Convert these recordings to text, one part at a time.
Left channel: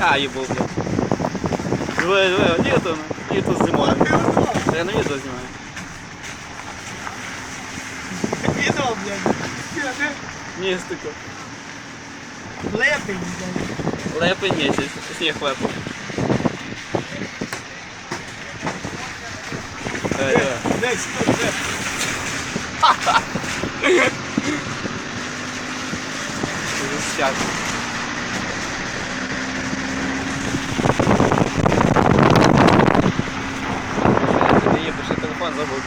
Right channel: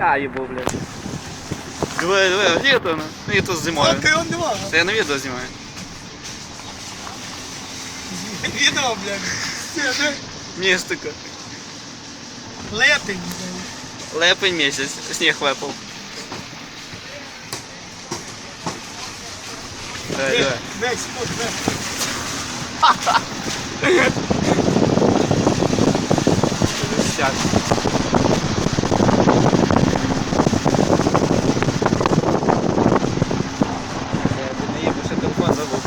А, їбу, блядь. Диви, диви, літо, ну. Літо з зимою. А ти його нема. Та я на відео знімаю. Відео, блядь. Скажи, Містика. летий, блядь. Лепий місяць, сніг випав. Диви, диви. Десь, тут, де. Сяк. Телефон забув.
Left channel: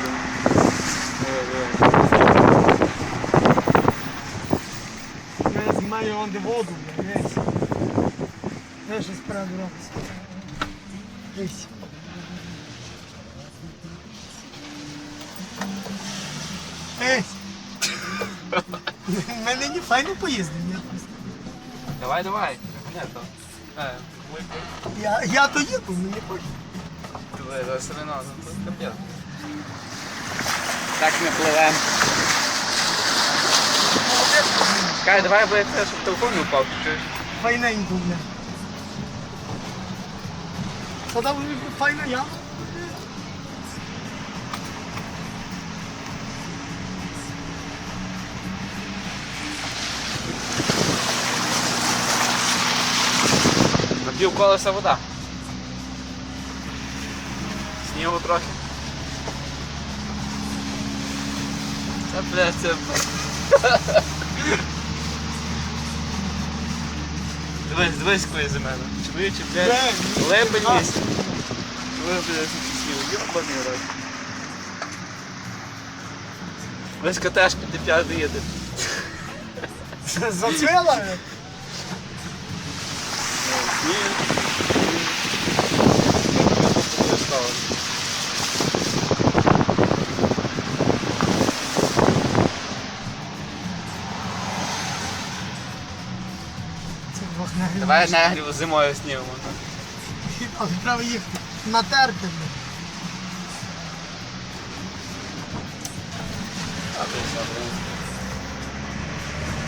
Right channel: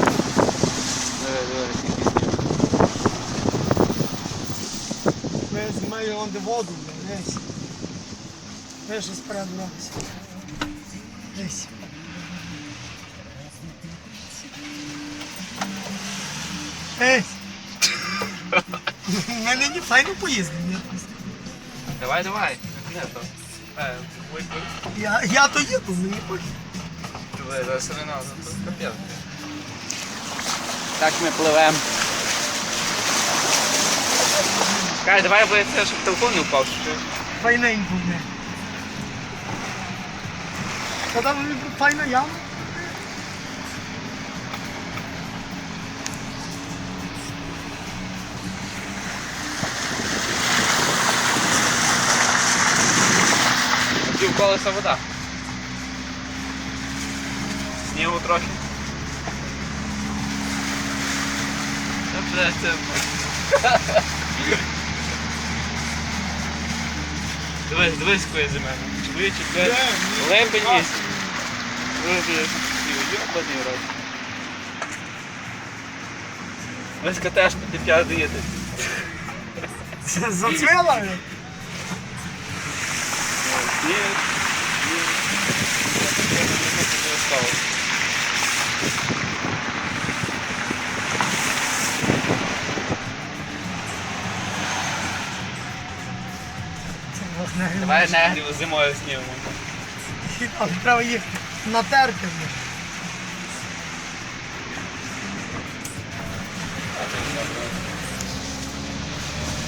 Я знімаю он де воду, десь. Де що спереду робиться? Десь. Ей! Ми нині файно поїздимо. ні? Давай, давай. Не то. Е, випий. Я, я то їду, мені хоч. Диви, зараз вино, ну то капець. Так не пливем. Кай, давай бо це, щоб телефон не впав, що чуєш? Файненько, блядь. Та там файна яма. Пів колеса вода. Снігу трохи. Та бля, це. Дивись, дивись, кує за мене. Чоловіче, блядь. Лебень є. Ви, блядь, йобаний раз. Весь катешки ти п'ятий їде. Зацвела? Давай негрів зимою снімемо. Але треба їх натерти. А, ти.